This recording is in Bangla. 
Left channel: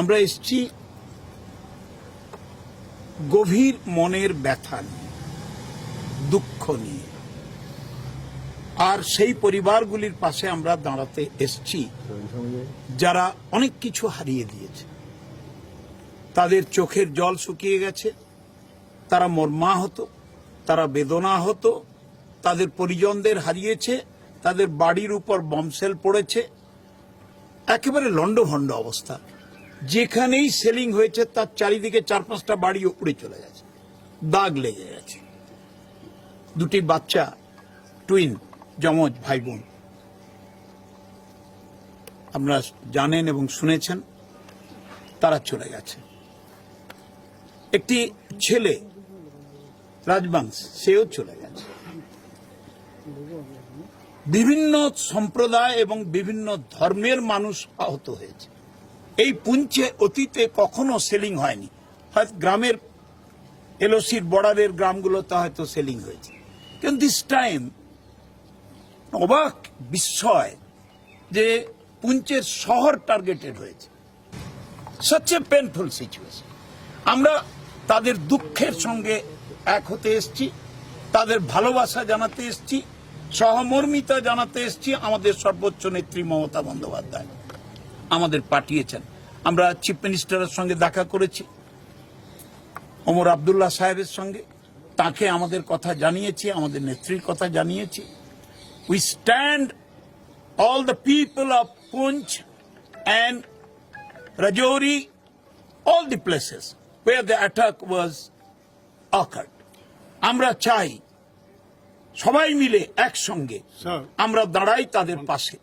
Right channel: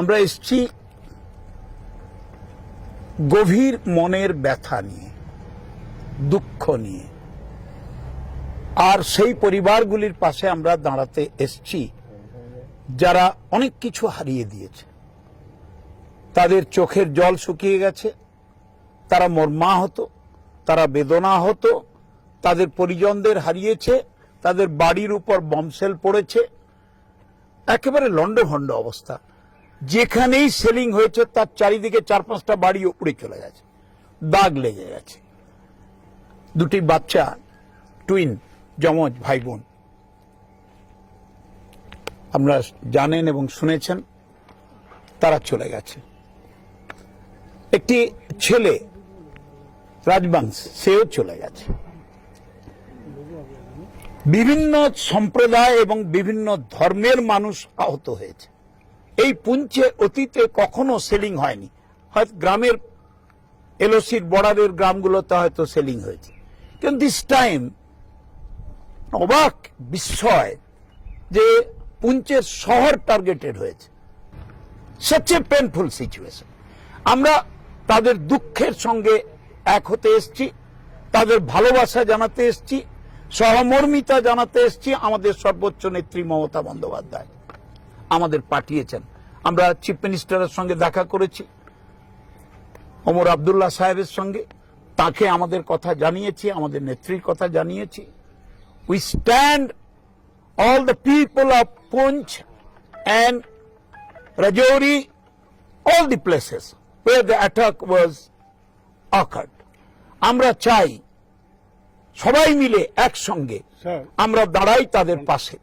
আমরা এসছি গভীর মনের ব্যথা নিয়ে, দুঃখ নিয়ে। আর সেই পরিবারগুলির পাশে আমরা দাঁড়াতে এসছি, যারা অনেক কিছু হারিয়ে দিয়েছে। তাদের চোখের জল শুকিয়ে গেছে, তারা মর্মাহত, তারা বেদনা হতো তাদের পরিজনদের হারিয়েছে, তাদের বাড়ির উপর বমসেল পড়েছে। একেবারে লন্ডভন্ড অবস্থা। যেখানেই সেলিং হয়েছে, তার চারিদিকে চার পাঁচটা বাড়ি উড়ে চলে গেছে। দাগ লেগে গেছে। দুটি বাচ্চা টুইন যমজ ভাই বোন আপনারা জানেন এবং শুনেছেন, তারা চলে গেছে। একটি ছেলে, রাজবংশ, সেও চলে গেছে। বিভিন্ন সম্প্রদায় এবং বিভিন্ন ধর্মের মানুষ আহত হয়েছে। এই পুঞ্চে অতীতে কখনো সেলিং হয়নি। হয়তো গ্রামের এলওসির বর্ডারের গ্রামগুলোতে হয়তো সেলিং হয়েছে। কিন্তু দিস টাইম অবাক বিস্ময় যে পুঞ্চের শহর টার্গেটেড হয়েছে। সচ এ পেনফুল সিচুয়েশন আমরা তাদের দুঃখের সঙ্গে এক হতে এসছি, তাদের ভালোবাসা জানাতে এসছি, সহমর্মিতা জানাতে এসছি আমাদের সর্বোচ্চ নেত্রী মমতা বন্দ্যোপাধ্যায়। আমাদের পাঠিয়েছেন। আমরা চিফ মিনিস্টারের সঙ্গে দেখা করেছি ওমর আবদুল্লাহ সাহেবের সঙ্গে। তাকে আমাদের কথা জানিয়েছি আমাদের নেত্রীর কথা জানিয়েছি। We stand all the people of Punch and Rajouri, all the places where the attack was occurred. আমরা চাই সবাই মিলে একসঙ্গে আমরা দাঁড়াই তাদের পাশে।